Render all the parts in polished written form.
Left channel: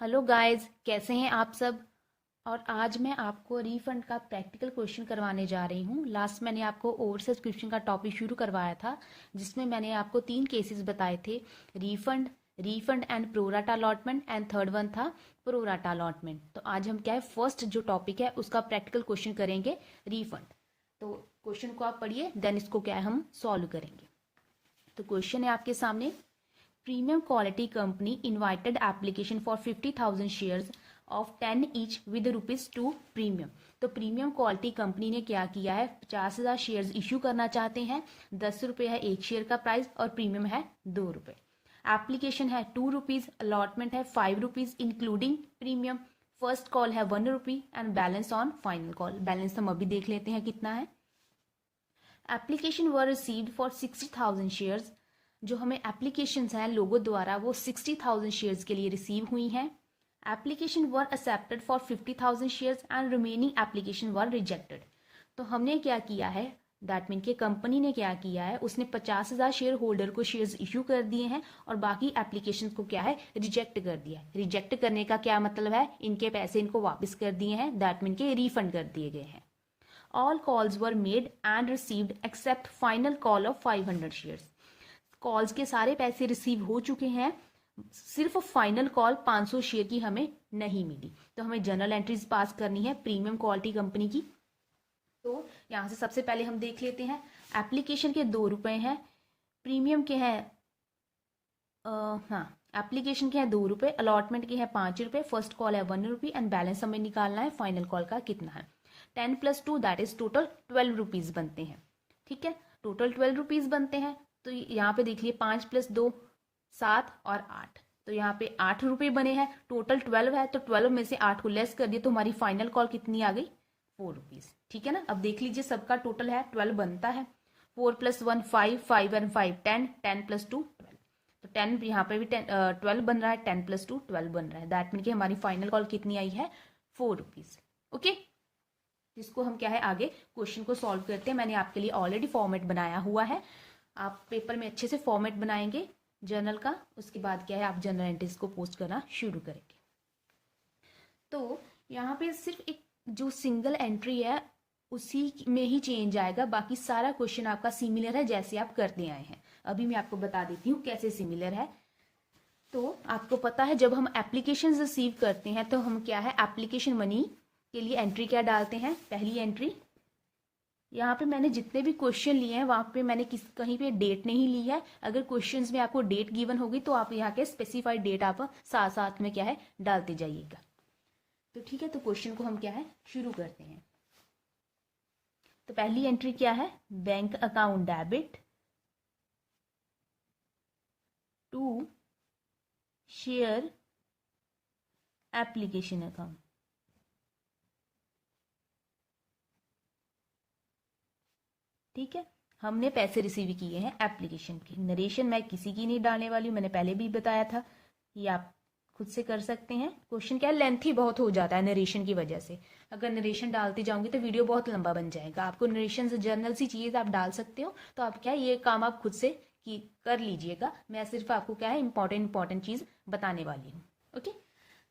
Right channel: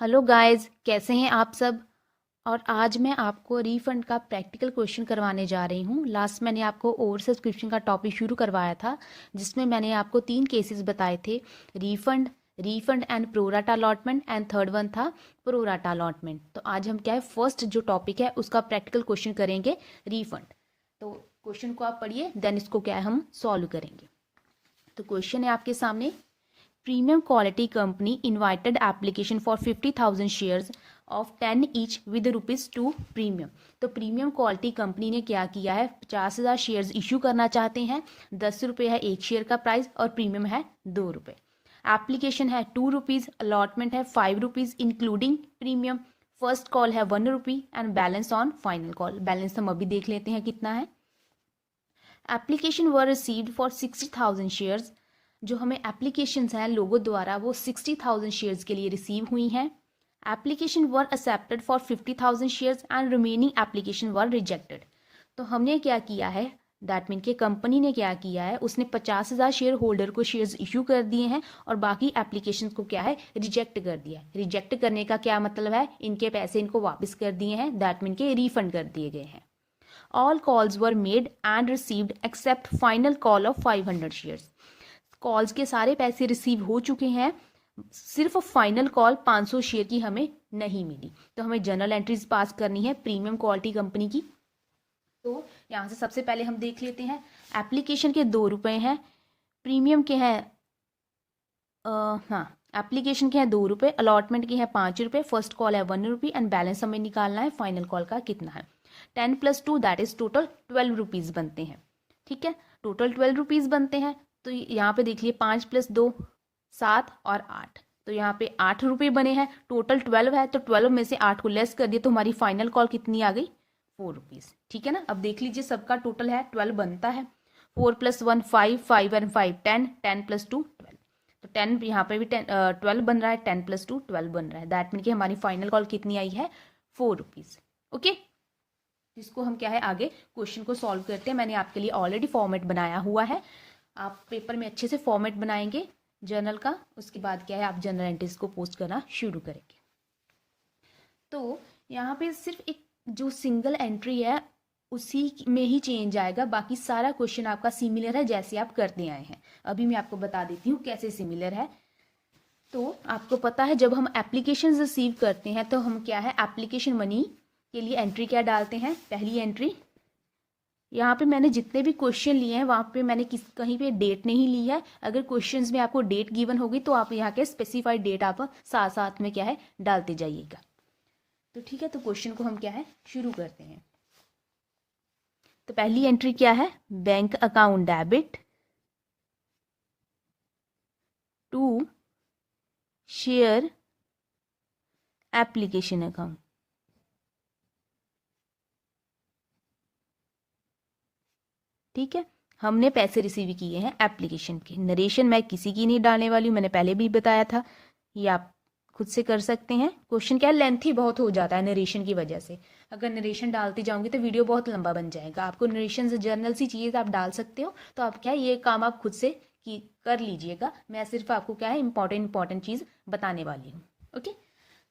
Hello guys, कैसे हैं आप सब। और आज मैं आपको रीफंड का प्रैक्टिकल क्वेश्चन करवाने जा रही हूँ। लास्ट मैंने आपको ओवर सब्सक्रिप्शन का टॉपिक शुरू करवाया था, जिसमें मैंने आपको 3 केसेस बताए थे। Refund, refund and pro rata allotment, and third one था प्रोराटा अलॉटमेंट। तो आज हम क्या है, फर्स्ट जो टॉपिक है उसका प्रैक्टिकल क्वेश्चन करेंगे, रीफंड। तो क्वेश्चन को आप पढ़िए, देन इसको क्या है हम सॉल्व करेंगे। तो क्वेश्चन है आपके सामने। Premium quality company invited application for 50,000 shares of 10 each with rupees 2 premium। तो प्रीमियम क्वालिटी कंपनी ने क्या किया है, 50,000 शेयर्स इशू करना चाहते हैं। 10 रुपये है एक शेयर का प्राइस और प्रीमियम है 2 रुपये। एप्लीकेशन है 2 रुपीज़, अलॉटमेंट है 5 rupees including premium. First call है 1 rupee and balance on final call. Balance हम अभी देख लेते हैं कितना है। Application were received for 60,000 shares. जो हमें एप्लीकेशंस हैं लोगों द्वारा वो 60,000 शेयर्स के लिए रिसीव हुई हैं। Application were accepted for 50,000 shares and remaining application were rejected. तो हमने क्या किया है, दैट मीन के कंपनी ने क्या किया है, उसने 50,000 शेयर होल्डर को शेयर्स इशू कर दिए हैं और बाकी एप्लीकेशन को क्या है, रिजेक्ट कर दिया है। रिजेक्ट करने का क्या मतलब है, इनके पैसे इनको वापस कर दिए हैं, दैट मीन के रिफंड कर दिए गए हैं। All calls were made and received accept final call of 500 shares. Calls के सारे पैसे रिसीव हो चुके हैं, सिर्फ फाइनल कॉल 500 शेयर की हमें नहीं मिली। तो हमें जर्नल एंट्रीज पास करनी है प्रीमियम क्वालिटी कंपनी की। तो यहाँ से सबसे पहले हम देख लेते हैं। एप्लीकेशन के 2 रुपये हैं, प्रीमियम के हैं हाँ, एप्लीकेशन के हैं 2 रुपये, अलॉटमेंट के हैं 5 रुपये, फर्स्ट कॉल है 1 रुपी एंड बैलेंस हमें निकालना है फाइनल कॉल का कितना है। 10 + 2 दैट इज टोटल 12 रुपीज़ बनते हैं। ठीक है, टोटल 12 रुपीज़ बनते हैं। तो यहाँ पे देखिए 5 + 2 7 और 8, तो यहाँ पे 8 रुपये बने हैं। टोटल 12 है, तो 12 में से 8 को लेस कर दिए तो हमारी फाइनल कॉल कितनी आ गई, 4 रुपीज़। ठीक है ना, अब देख लीजिए सबका टोटल है 12 बनता है। 4 + 1 5, 5 और 5 10, 10 + 2 12। तो 10 यहाँ पे भी 12 बन रहा है, 10 + 2 12 बन रहा है। दैट मीन कि हमारी फाइनल कॉल कितनी आई है, 4 रुपीज़। ओके, जिसको हम क्या है आगे क्वेश्चन को सॉल्व करते हैं। मैंने आपके लिए ऑलरेडी फॉर्मेट बनाया हुआ है, आप पेपर में अच्छे से फॉर्मेट बनाएंगे जर्नल का, उसके बाद क्या है आप जर्नल एंट्रीज को पोस्ट करना शुरू करेंगे। तो यहाँ पे सिर्फ एक जो सिंगल एंट्री है उसी में ही चेंज आएगा, बाकी सारा क्वेश्चन आपका सिमिलर है जैसे आप करते आए हैं। अभी मैं आपको बता देती हूँ कैसे सिमिलर है। तो आपको पता है जब हम एप्लीकेशन रिसीव करते हैं तो हम क्या है एप्लीकेशन मनी के लिए एंट्री क्या डालते हैं, पहली एंट्री। यहाँ पे मैंने जितने भी क्वेश्चन लिए हैं वहाँ पे मैंने कहीं पे डेट नहीं ली है। अगर क्वेश्चंस में आपको डेट गिवन होगी तो आप यहाँ के स्पेसिफाइड डेट आप साथ साथ में क्या है डालते जाइएगा। तो ठीक है, तो क्वेश्चन को हम क्या है शुरू करते हैं। तो पहली एंट्री क्या है, bank account debit to share application account. ठीक है, हमने पैसे रिसीव किए हैं एप्लीकेशन के। नरेशन मैं किसी की नहीं डालने वाली हूँ, मैंने पहले भी बताया था, ये आप खुद से कर सकते हैं। क्वेश्चन क्या है, लेंथी बहुत हो जाता है नरेशन की वजह से। अगर नरेशन डालती जाऊंगी तो वीडियो बहुत लंबा बन जाएगा। आपको नरेशन से जर्नल सी चीज़ आप डाल सकते हो, तो आप क्या है ये काम आप खुद से कर लीजिएगा। मैं सिर्फ आपको क्या है इंपॉर्टेंट चीज़ बताने वाली हूँ। ओके,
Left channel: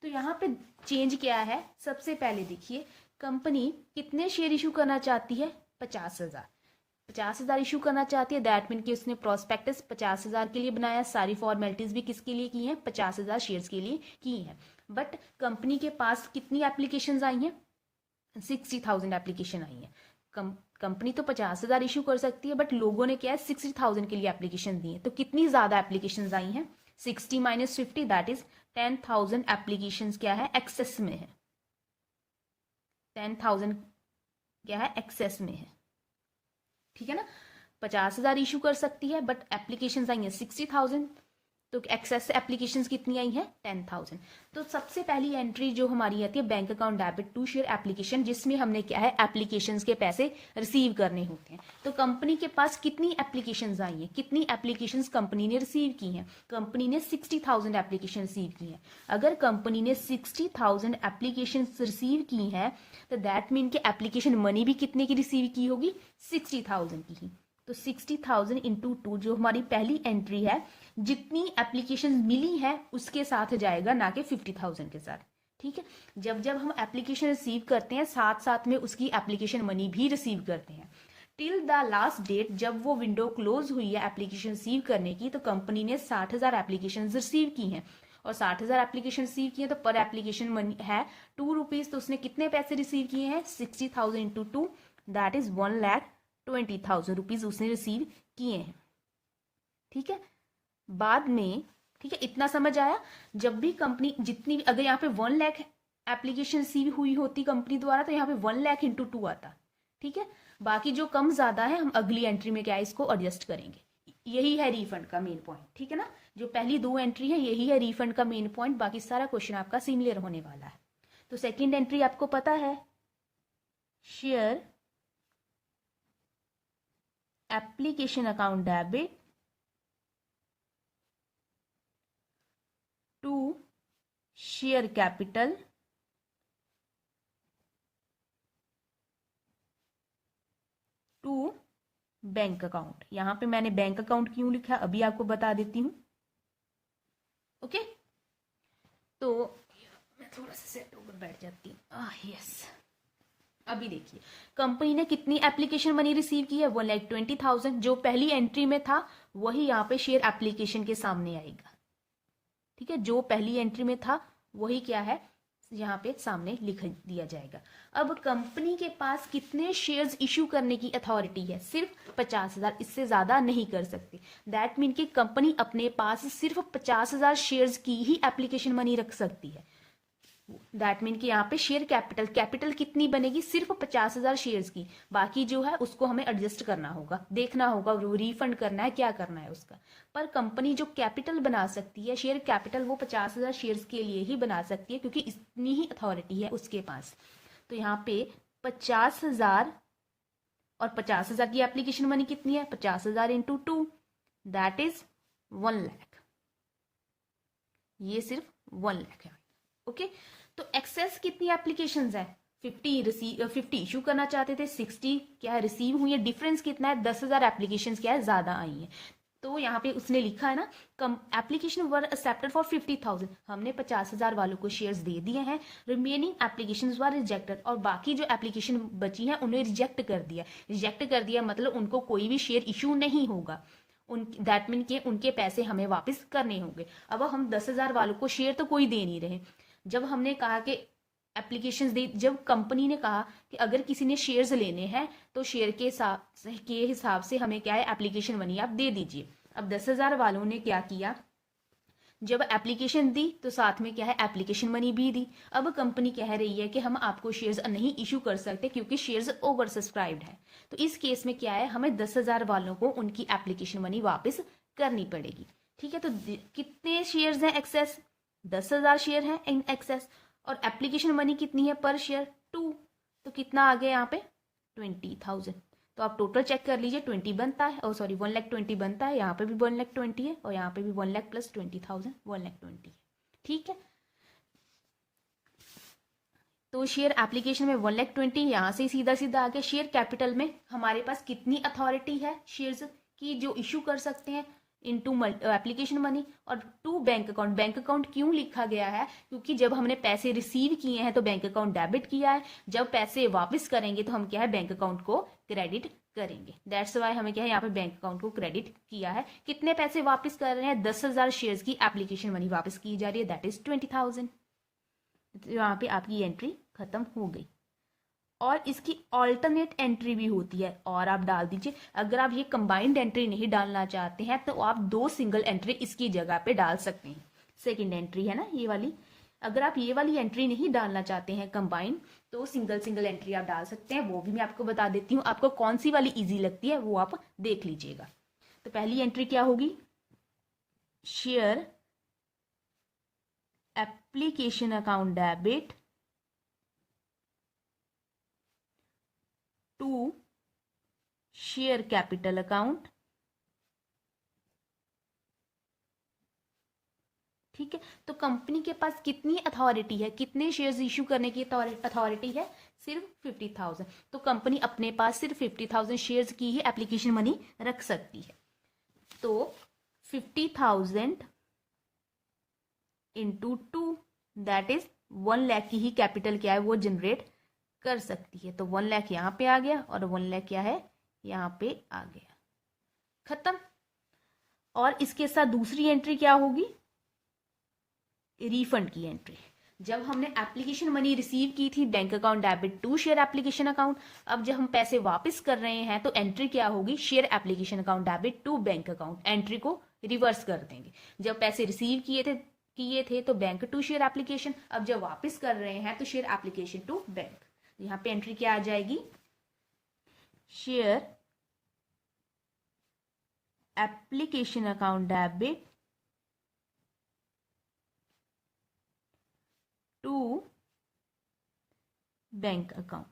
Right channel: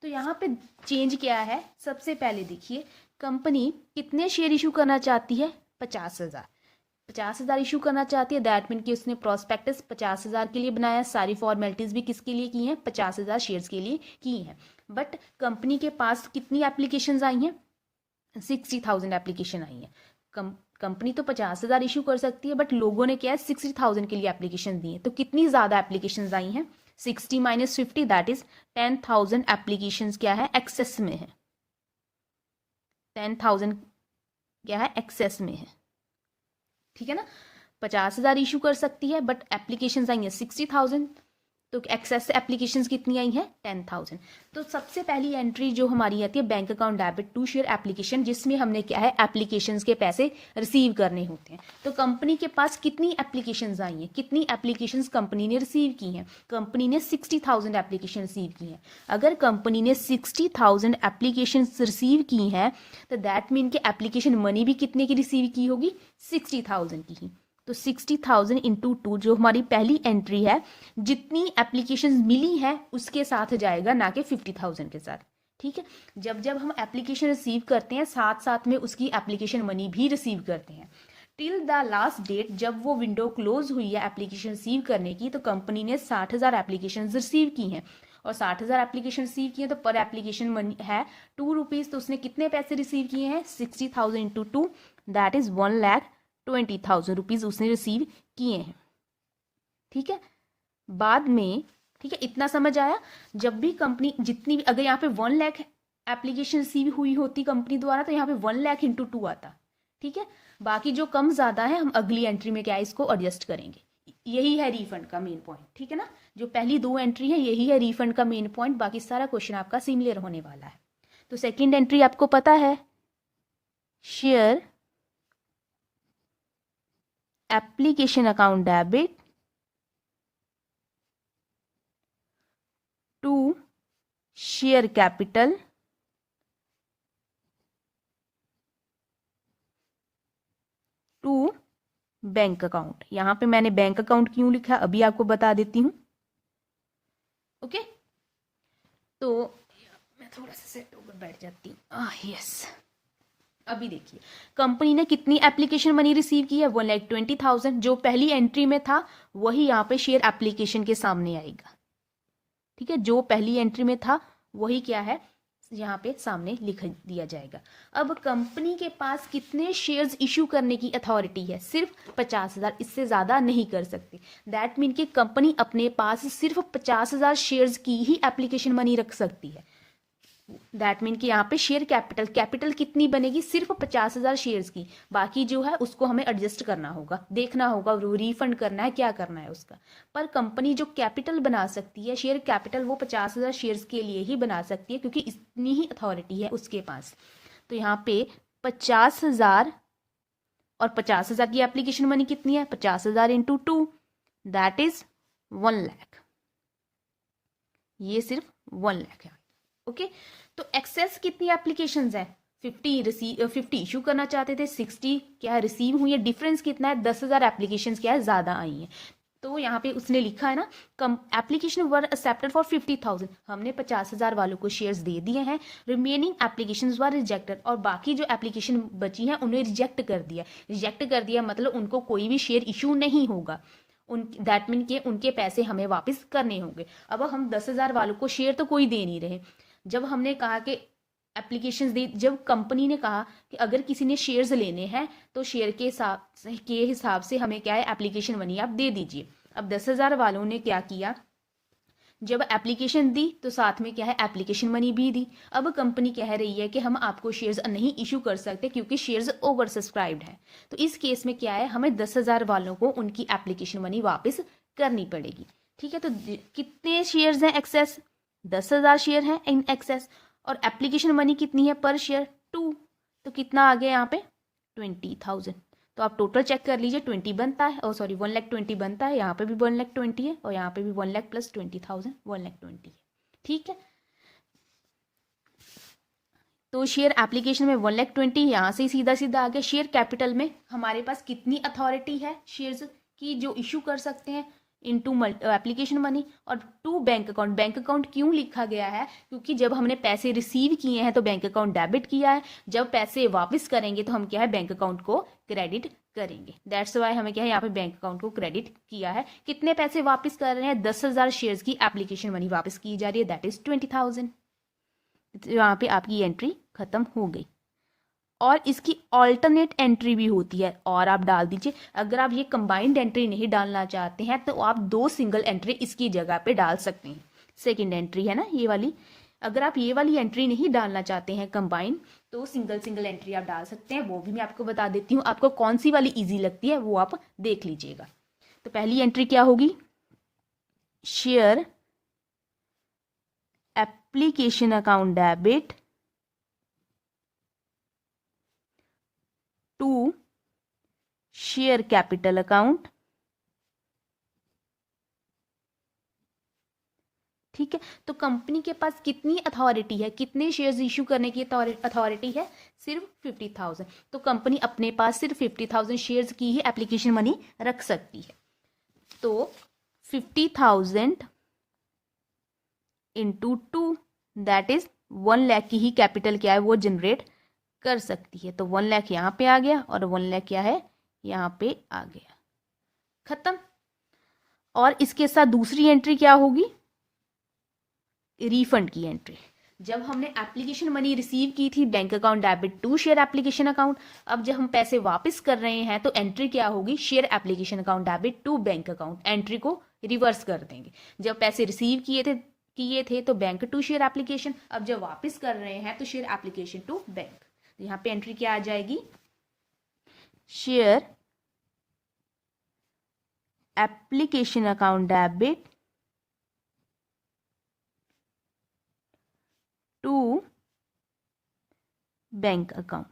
तो यहाँ पे चेंज क्या है, सबसे पहले देखिए कंपनी कितने शेयर इशू करना चाहती है, 50,000। 50,000 इशू करना चाहती है, दैट मीन कि उसने प्रोस्पेक्टस 50,000 के लिए बनाया, सारी फॉर्मेलिटीज भी किसके लिए की हैं, 50,000 शेयर्स के लिए की हैं। बट कंपनी के पास कितनी एप्लीकेशंस आई हैं, 60,000 एप्लीकेशन आई हैं। कंपनी तो 50,000 इशू कर सकती है, बट लोगों ने क्या है 60,000 के लिए एप्लीकेशन दी है। तो कितनी ज्यादा एप्लीकेशन आई हैं, 60 - 50 दैट इज 10,000 एप्लीकेशन क्या है एक्सेस में है। 10,000 क्या है एक्सेस में है। ठीक है ना, 50,000 इशू कर सकती है बट एप्लीकेशन आई हैं 60,000, तो एक्सेस एप्लीकेशन कितनी आई हैं 10,000। तो सबसे पहली एंट्री जो हमारी आती है bank account debit to share application, जिसमें हमने क्या है एप्लीकेशंस के पैसे रिसीव करने होते हैं। तो कंपनी के पास कितनी एप्लीकेशंस आई हैं, कितनी एप्लीकेशंस कंपनी ने रिसीव की हैं, कंपनी ने 60,000 एप्लीकेशन रिसीव की हैं। अगर कंपनी ने 60,000 एप्लीकेशन रिसीव की हैं तो दैट मीन कि एप्लीकेशन मनी भी कितने की रिसीव की होगी, 60,000 की ही। तो 60,000 इंटू 2 जो हमारी पहली एंट्री है, जितनी एप्लीकेशन मिली है उसके साथ जाएगा, ना कि 50,000 के साथ। ठीक है, जब जब हम एप्लीकेशन रिसीव करते हैं साथ साथ में उसकी एप्लीकेशन मनी भी रिसीव करते हैं। टिल द लास्ट डेट, जब वो विंडो क्लोज हुई है एप्लीकेशन रिसीव करने की, तो कंपनी ने 60,000 एप्लीकेशन रिसीव की हैं, और 60,000 एप्लीकेशन रिसीव किए तो पर एप्लीकेशन मनी है ₹2, तो उसने कितने पैसे रिसीव किए हैं? 60,000 इंटू 2, दैट इज 1,20,000 उसने रिसीव किए हैं। ठीक है, बाद में, ठीक है, इतना समझ आया। जब भी कंपनी जितनी, अगर यहाँ पे 1 लाख एप्लीकेशन रिसीव हुई होती कंपनी द्वारा, तो यहाँ पे 1 लाख इंटू 2 आता। ठीक है, बाकी जो कम ज्यादा है हम अगली एंट्री में क्या है इसको एडजस्ट करेंगे। यही है रिफंड का मेन पॉइंट। ठीक है ना, जो पहली 2 एंट्री है यही है रिफंड का मेन पॉइंट, बाकी सारा क्वेश्चन आपका सिमिलर होने वाला है। तो सेकेंड एंट्री आपको पता है, share application account debit to share capital to bank account. यहां पे मैंने बैंक अकाउंट क्यों लिखा अभी आपको बता देती हूं। ओके, तो मैं थोड़ा सा सेट होकर बैठ जाती हूँ। यस, अभी देखिए कंपनी ने कितनी एप्लीकेशन मनी रिसीव की है? 1,20,000। जो पहली एंट्री में था वही यहाँ पे शेयर एप्लीकेशन के सामने आएगा। ठीक है, जो पहली एंट्री में था वही क्या है यहाँ पे सामने लिख दिया जाएगा। अब कंपनी के पास कितने शेयर्स इशू करने की अथॉरिटी है? सिर्फ 50,000, इससे ज्यादा नहीं कर सकते। दैट मीन कि कंपनी अपने पास सिर्फ 50,000 शेयर्स की ही एप्लीकेशन मनी रख सकती है। दैट मीन कि यहाँ पे शेयर कैपिटल कितनी बनेगी? सिर्फ 50,000 शेयर्स की। बाकी जो है उसको हमें एडजस्ट करना होगा, देखना होगा, रिफंड करना है, क्या करना है उसका। पर कंपनी जो कैपिटल बना सकती है, शेयर कैपिटल, वो 50,000 शेयर्स के लिए ही बना सकती है, क्योंकि इतनी ही अथॉरिटी है उसके पास। तो यहाँ पे 50,000 और 50,000 की एप्लीकेशन मनी कितनी है? 50,000 इंटू 2, दैट इज 1 लाख। ये सिर्फ 1 लाख है। ओके, तो एक्सेस कितनी एप्लीकेशंस है? 50 इशू करना चाहते थे, 60 क्या रिसीव हुई है। डिफरेंस कितना है? 10,000 एप्लीकेशंस क्या है ज्यादा आई है। तो यहाँ पे उसने लिखा है ना, कम एप्लीकेशन वर एक्सेप्टेड फॉर 50,000, हमने 50,000 वालों को शेयर्स दे दिए हैं। रिमेनिंग एप्लीकेशंस वर रिजेक्टेड, और बाकी जो एप्लीकेशन बची हैं उन्हें रिजेक्ट कर दिया। रिजेक्ट कर दिया मतलब उनको कोई भी शेयर इशू नहीं होगा, दैट मीन के उनके पैसे हमें वापस करने होंगे। अब हम 10,000 वालों को शेयर तो कोई दे नहीं रहे। जब हमने कहा कि एप्लीकेशंस दी, जब कंपनी ने कहा कि अगर किसी ने शेयर्स लेने हैं तो शेयर के हिसाब से हमें क्या है एप्लीकेशन मनी आप दे दीजिए। अब 10,000 वालों ने क्या किया, जब एप्लीकेशन दी तो साथ में क्या है एप्लीकेशन मनी भी दी। अब कंपनी कह रही है कि हम आपको शेयर्स नहीं इशू कर सकते क्योंकि शेयर्स ओवर सब्सक्राइब्ड है। तो इस केस में क्या है, हमें 10,000 वालों को उनकी एप्लीकेशन मनी वापस करनी पड़ेगी। ठीक है, तो कितने शेयर्स हैं एक्सेस? 10,000 शेयर हैं इन एक्सेस, और एप्लीकेशन मनी कितनी है पर शेयर? 2, तो कितना आ गया यहाँ पे? 20,000। तो आप टोटल चेक कर लीजिए, 20 बनता है, और सॉरी 1,20,000 बनता है, यहाँ पे भी 1,20,000 है, और यहाँ पे भी 1 लाख प्लस 20,000 1,20,000 है। ठीक है, तो शेयर एप्लीकेशन में 1,20,000, यहाँ से सीधा सीधा आ गया। शेयर कैपिटल में हमारे पास कितनी अथॉरिटी है शेयर्स की जो इशू कर सकते हैं? इनटू एप्लीकेशन मनी, और to bank account. Bank account क्यों लिखा गया है? क्योंकि जब हमने पैसे रिसीव किए हैं तो बैंक अकाउंट डेबिट किया है, जब पैसे वापस करेंगे तो हम क्या है बैंक अकाउंट को क्रेडिट करेंगे। दैट्स वाई हमें क्या है यहाँ पे बैंक अकाउंट को क्रेडिट किया है। कितने पैसे वापस कर रहे हैं? 10,000 शेयर्स की एप्लीकेशन मनी वापस की जा रही है, दैट इज 20,000। यहाँ पे आपकी एंट्री खत्म हो गई। और इसकी ऑल्टरनेट एंट्री भी होती है, और आप डाल दीजिए। अगर आप ये कंबाइंड एंट्री नहीं डालना चाहते हैं तो आप 2 सिंगल एंट्री इसकी जगह पे डाल सकते हैं। सेकंड एंट्री है ना ये वाली, अगर आप ये वाली एंट्री नहीं डालना चाहते हैं कंबाइंड, तो सिंगल एंट्री आप डाल सकते हैं। वो भी मैं आपको बता देती हूँ, आपको कौन सी वाली इजी लगती है वो आप देख लीजिएगा। तो पहली एंट्री क्या होगी? Share application account debit to share capital account. ठीक है, तो कंपनी के पास कितनी अथॉरिटी है, कितने शेयर्स इशू करने की अथॉरिटी है? सिर्फ 50,000। तो कंपनी अपने पास सिर्फ 50,000 शेयर्स की ही एप्लीकेशन मनी रख सकती है। तो 50,000 इंटू 2 दैट इज 1 लाख की ही कैपिटल क्या है वो जनरेट कर सकती है। तो 1 लाख यहाँ पे आ गया और 1 लाख क्या है यहाँ पे आ गया, खत्म। और इसके साथ दूसरी एंट्री क्या होगी, रिफंड की एंट्री। जब हमने एप्लीकेशन मनी रिसीव की थी bank account debit to share application account, अब जब हम पैसे वापस कर रहे हैं तो एंट्री क्या होगी, share application account debit to bank account. Entry को रिवर्स कर देंगे। जब पैसे रिसीव किए थे तो बैंक टू शेयर एप्लीकेशन, अब जब वापस कर रहे हैं तो शेयर एप्लीकेशन टू बैंक। यहाँ पे एंट्री क्या आ जाएगी, share application account debit to bank account.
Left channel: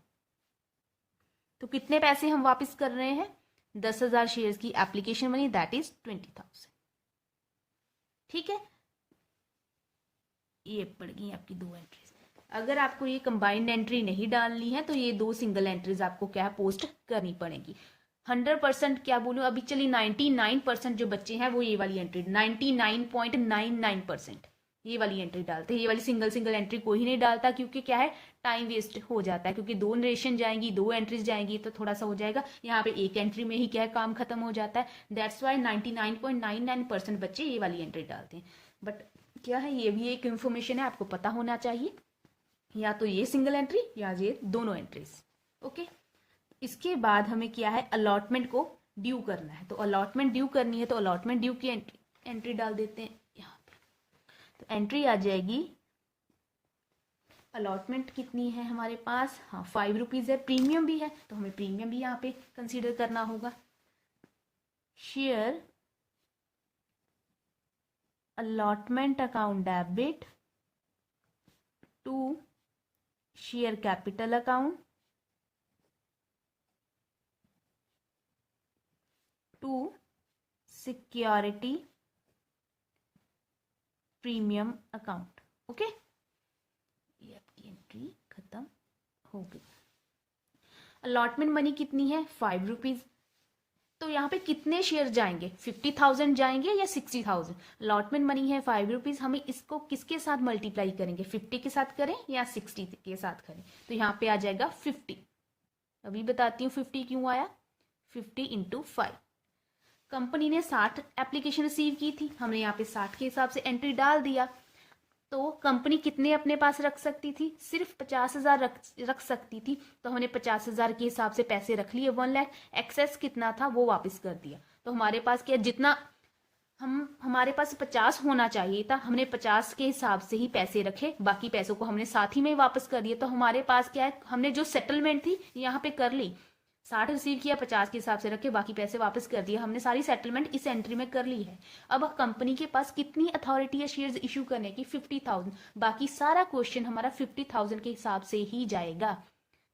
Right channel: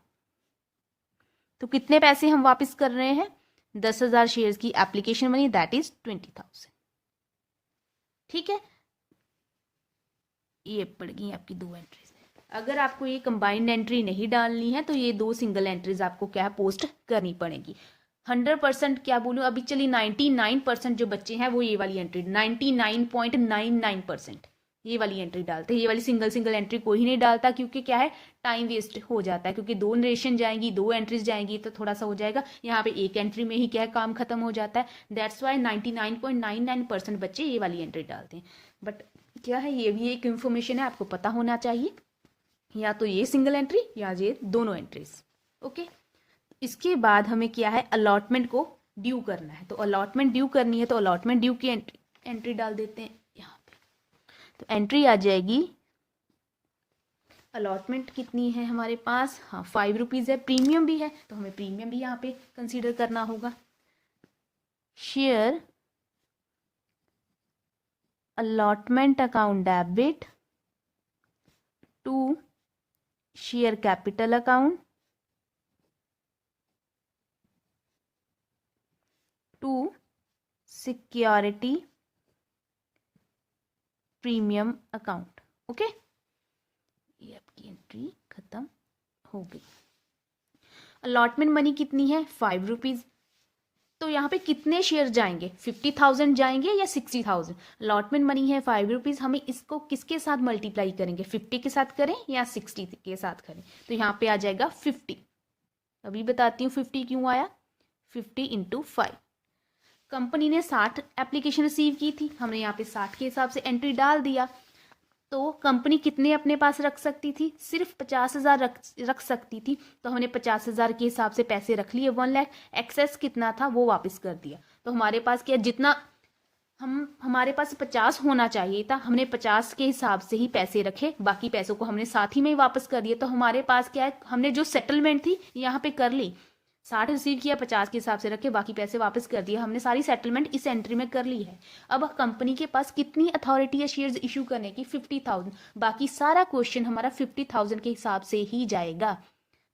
तो कितने पैसे हम वापस कर रहे हैं, 10,000 शेयर्स की एप्लीकेशन मनी दैट इज 20,000। ठीक है, ये पड़ गई आपकी दो एंट्रीज। अगर आपको ये कंबाइंड एंट्री नहीं डालनी है तो ये दो सिंगल एंट्रीज आपको क्या है पोस्ट करनी पड़ेगी। 100% क्या बोलूं, अभी चलिए 99% जो बच्चे हैं वो ये वाली एंट्री 99.99% ये वाली एंट्री डालते हैं। ये वाली सिंगल एंट्री कोई नहीं डालता, क्योंकि क्या है टाइम वेस्ट हो जाता है, क्योंकि दो नरेशन जाएंगी, दो एंट्रीज जाएंगी तो थोड़ा सा हो जाएगा। यहाँ पे एक एंट्री में ही क्या है काम खत्म हो जाता है। दैट्स वाई 99.99% बच्चे ये वाली एंट्री डालते हैं। बट क्या है, ये भी एक इंफॉर्मेशन है, आपको पता होना चाहिए, या तो ये सिंगल एंट्री या ये दोनों एंट्रीज। ओके, इसके बाद हमें क्या है अलॉटमेंट को ड्यू करना है। तो अलॉटमेंट ड्यू करनी है तो अलॉटमेंट ड्यू की एंट्री डाल देते हैं यहाँ पे। तो एंट्री आ जाएगी, अलॉटमेंट कितनी है हमारे पास, हाँ 5 रुपीज है, प्रीमियम भी है तो हमें प्रीमियम भी यहाँ पे कंसीडर करना होगा। Share allotment account debit to share capital account to security premium account. Okay, ये आपकी एंट्री खत्म हो गई। अलॉटमेंट मनी कितनी है 5 रुपीज। तो यहाँ पे कितने शेयर जाएंगे, 50,000 जाएंगे या 60,000। अलॉटमेंट मनी है 5 रुपीज, हमें इसको किसके साथ मल्टीप्लाई करेंगे, 50 के साथ करें या 60 के साथ करें। तो यहाँ पे आ जाएगा 50। अभी बताती हूँ 50 क्यों आया, 50 इंटू 5। कंपनी ने 60 एप्लीकेशन रिसीव की थी, हमने यहाँ पे 60 के हिसाब से एंट्री डाल दिया। तो कंपनी कितने अपने पास रख सकती थी, सिर्फ 50,000 रख सकती थी। तो हमने 50,000 के हिसाब से पैसे रख लिए, 1 लाख। एक्सेस कितना था वो वापस कर दिया। तो हमारे पास क्या, जितना हमारे पास 50 होना चाहिए था, हमने 50 के हिसाब से ही पैसे रखे, बाकी पैसों को हमने साथ ही में वापस कर दिया। तो हमारे पास क्या है, हमने जो सेटलमेंट थी यहाँ पे कर ली, 60 रिसीव किया, 50 के हिसाब से रखे, बाकी पैसे वापस कर दिए। हमने सारी सेटलमेंट इस एंट्री में कर ली है। अब कंपनी के पास कितनी अथॉरिटी है शेयर्स इशू करने की, 50,000। बाकी सारा क्वेश्चन हमारा 50,000 के हिसाब से ही जाएगा।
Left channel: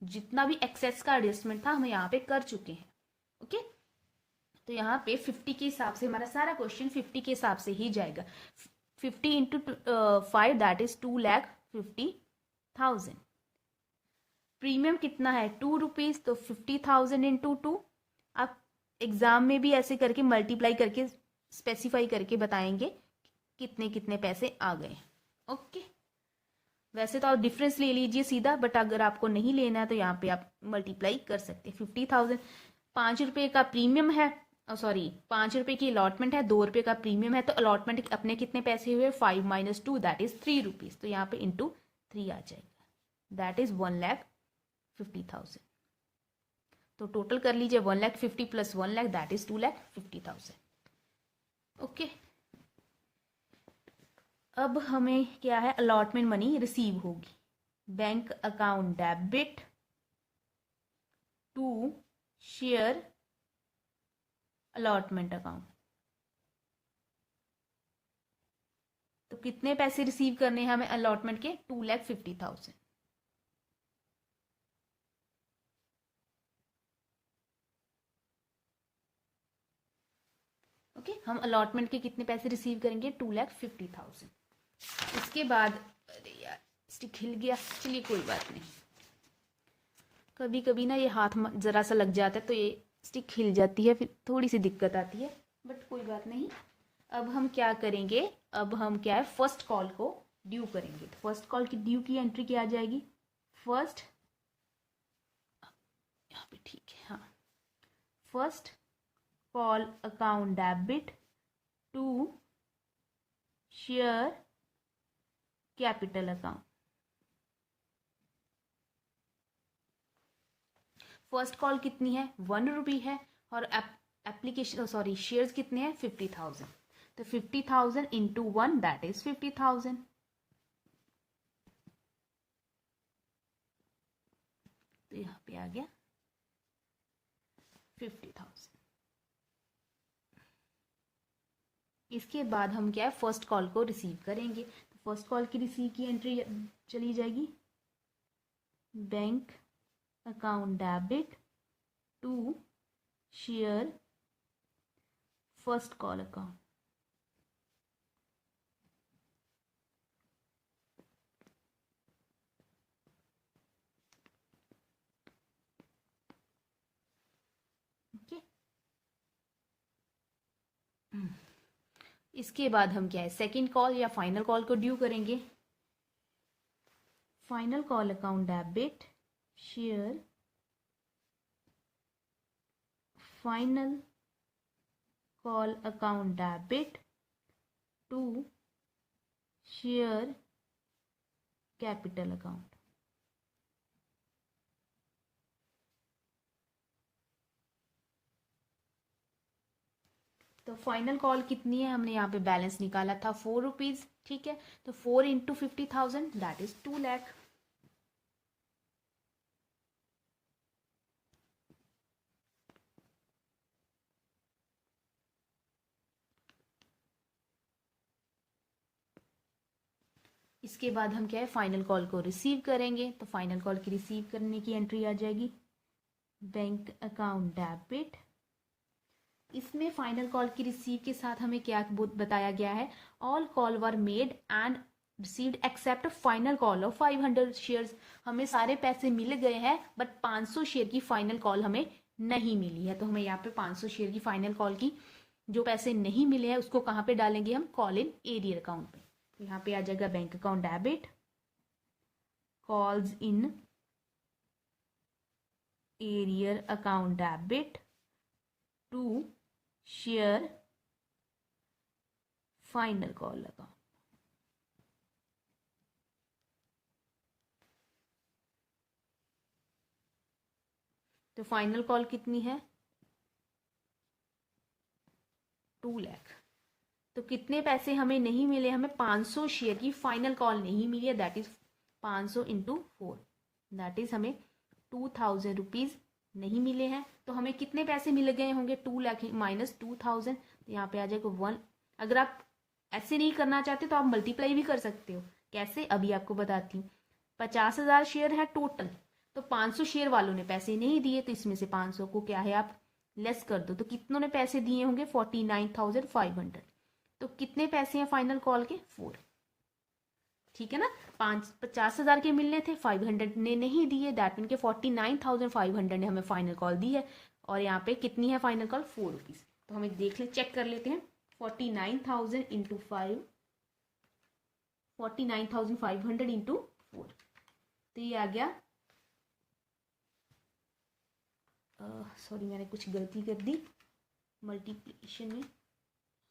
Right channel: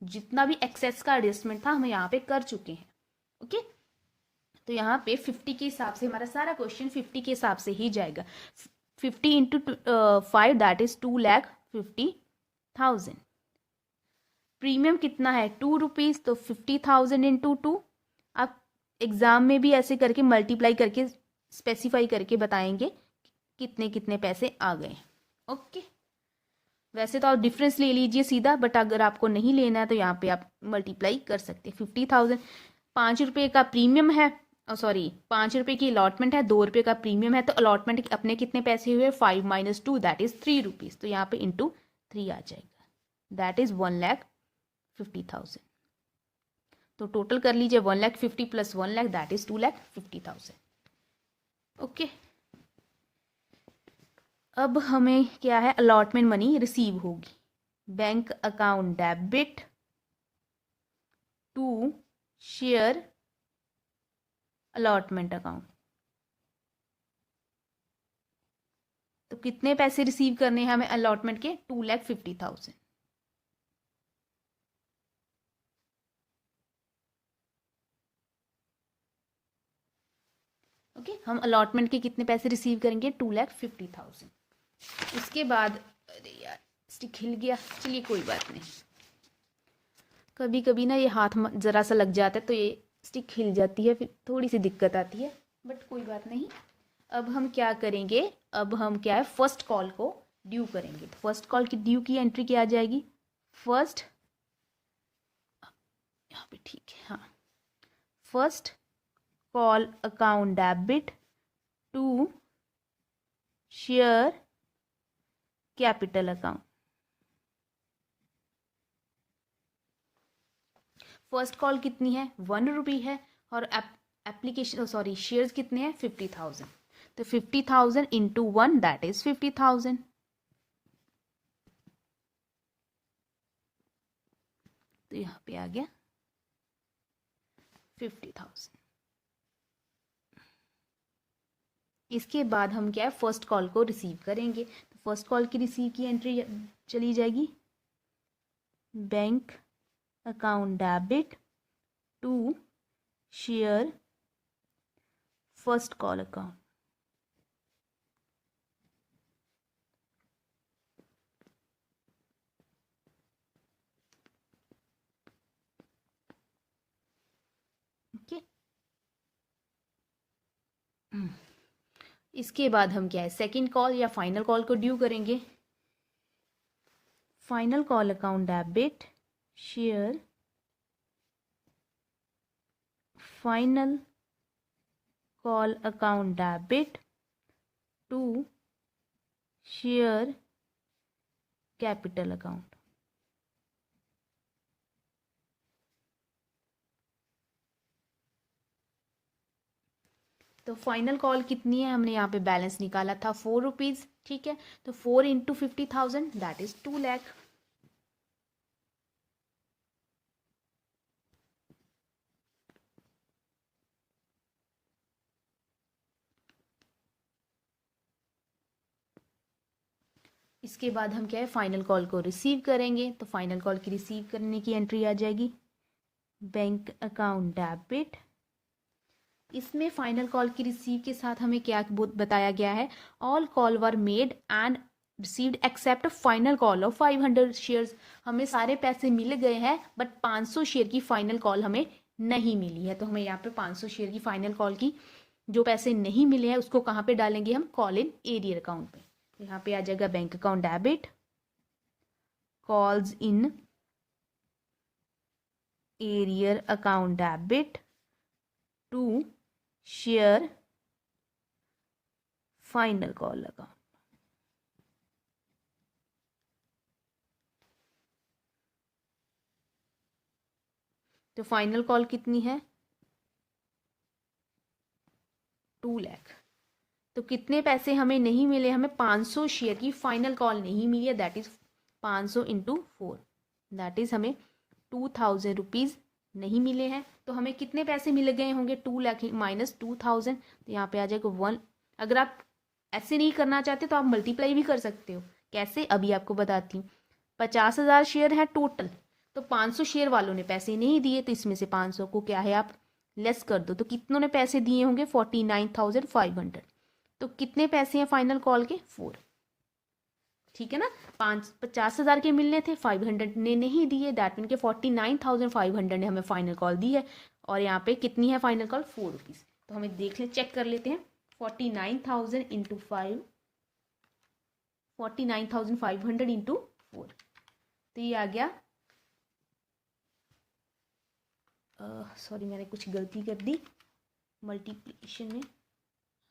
जितना भी एक्सेस का एडजस्टमेंट था हम यहाँ पे कर चुके हैं। ओके, तो यहाँ पे 50 के हिसाब से हमारा सारा क्वेश्चन 50 के हिसाब से ही जाएगा। 50 इंटू 5 दैट इज 2,50,000। प्रीमियम कितना है 2 रुपीज, तो 50,000 इंटू 2। आप एग्जाम में भी ऐसे करके मल्टीप्लाई करके स्पेसिफाई करके बताएंगे कितने कितने पैसे आ गए। ओके, वैसे तो आप डिफरेंस ले लीजिए सीधा, बट अगर आपको नहीं लेना है तो यहाँ पे आप मल्टीप्लाई कर सकते हैं। 50,000, 5 रुपये का प्रीमियम है, सॉरी 5 रुपये की अलॉटमेंट है, 2 रुपये का प्रीमियम है। तो अलॉटमेंट अपने कितने पैसे हुए, 5 माइनस 2 दैट इज 3 रुपीज। तो यहाँ पे इंटू 3 आ जाएगा, दैट इज 1,50,000। तो टोटल कर लीजिए 1,50,000 plus 1 lakh that is 2,50,000। Okay, अब हमें क्या है अलॉटमेंट मनी रिसीव होगी, bank account debit to share allotment account. तो कितने पैसे रिसीव करने हैं हमें अलॉटमेंट के, 2,50,000। ओके, हम अलॉटमेंट के कितने पैसे रिसीव करेंगे, 2,50,000। उसके बाद, अरे यार स्टिक हिल गया, चलिए कोई बात नहीं। कभी कभी ना ये हाथ ज़रा सा लग जाता है तो ये स्टिक हिल जाती है, फिर थोड़ी सी दिक्कत आती है, बट कोई बात नहीं। अब हम क्या करेंगे, अब हम क्या है फर्स्ट कॉल को ड्यू करेंगे। तो फर्स्ट कॉल की ड्यू की एंट्री क्या आ जाएगी, फर्स्ट, यहाँ पे ठीक है, हाँ, first call account debit to share capital account. First call कितनी है, 1 रुपी है, और एप्लीकेशन सॉरी शेयर्स कितने हैं, 50,000। तो 50,000 इंटू 1 दैट इज 50,000। तो यहाँ पे आ गया 50,000। इसके बाद हम क्या है फर्स्ट कॉल को रिसीव करेंगे। तो फर्स्ट कॉल की रिसीव की एंट्री चली जाएगी, bank account debit to share first call account. Okay, इसके बाद हम क्या है सेकंड कॉल या फाइनल कॉल को ड्यू करेंगे। Final call account debit share final call account debit to share capital account. तो फाइनल कॉल कितनी है, हमने यहाँ पे बैलेंस निकाला था 4 रुपीज़, ठीक है। तो 4 इंटू 50,000 दैट इज 2 लाख। इसके बाद हम क्या है फाइनल कॉल को रिसीव करेंगे। तो फाइनल कॉल की रिसीव करने की एंट्री आ जाएगी, बैंक अकाउंट डेबिट। इसमें फाइनल कॉल की रिसीव के साथ हमें क्या बताया गया है, all call were made and received accept final call of 500 shares. हमें सारे पैसे मिल गए हैं, बट 500 शेयर की फाइनल कॉल हमें नहीं मिली है। तो हमें यहाँ पे 500 शेयर की फाइनल कॉल की जो पैसे नहीं मिले हैं उसको कहाँ पे डालेंगे हम, कॉल इन एरियर अकाउंट पे। तो यहाँ पे आ जाएगा bank account debit calls in arrear account debit to share final call account. तो फाइनल कॉल कितनी है, 2 लाख। तो कितने पैसे हमें नहीं मिले, हमें 500 शेयर की फाइनल कॉल नहीं मिली है, that is 500 into 4 that is हमें 2,000 रुपीज़ नहीं मिले हैं। तो हमें कितने पैसे मिल गए होंगे, 2 लाख माइनस 2,000। तो यहाँ पे आ जाएगा 1। अगर आप ऐसे नहीं करना चाहते तो आप मल्टीप्लाई भी कर सकते हो। कैसे, अभी आपको बताती हूँ। 50,000 शेयर है टोटल, तो 500 शेयर वालों ने पैसे नहीं दिए, तो इसमें से 500 को क्या है आप लेस कर दो। तो कितनों ने पैसे दिए होंगे, 49,500। तो कितने पैसे हैं फाइनल कॉल के, 4, ठीक है ना। 50,000 के मिलने थे, 500 ने नहीं दिए, डैट मीन के 49,500 ने हमें फाइनल कॉल दी है। और यहाँ पे कितनी है फाइनल कॉल, 4 रुपीज़। तो हमें देख ले, चेक कर लेते हैं। 49,000 इंटू 5, 49,500 इंटू 4, तो ये आ गया, सॉरी मैंने कुछ गलती कर दी मल्टीप्लिकेशन में।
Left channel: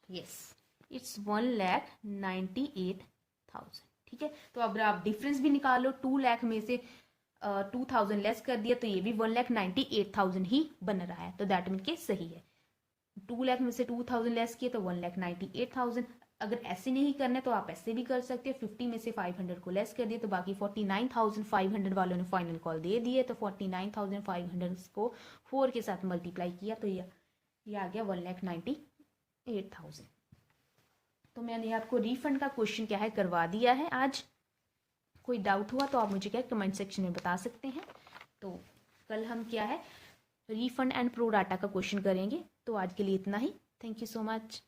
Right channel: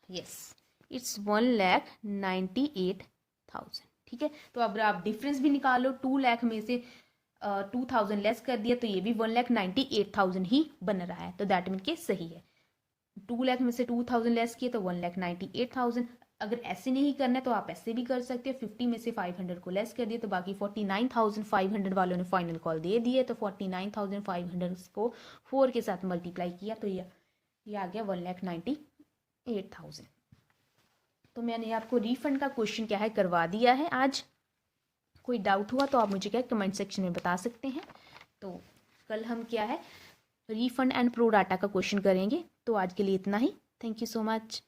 यस, इट्स 1,98,000, ठीक है। तो अब आप डिफरेंस भी निकालो, 2 लाख में से 2,000 लेस कर दिया, तो ये भी 1,98,000 ही बन रहा है। तो दैट मीन के सही है। 2 लाख में से 2,000 लेस किए तो 1,98,000। अगर ऐसे नहीं करना है तो आप ऐसे भी कर सकते हैं। 50 में से 500 को लेस कर दिए तो बाकी 49,500 वालों ने फाइनल कॉल दे दिए। तो 49,500 को 4 के साथ मल्टीप्लाई किया तो ये आ गया 1,98,000। तो मैंने आपको रीफंड का क्वेश्चन क्या है करवा दिया है आज। कोई डाउट हुआ तो आप मुझे क्या कमेंट सेक्शन में बता सकते हैं। तो कल हम क्या है रीफंड एंड प्रो डाटा का क्वेश्चन करेंगे। तो आज के लिए इतना ही। Thank you so much.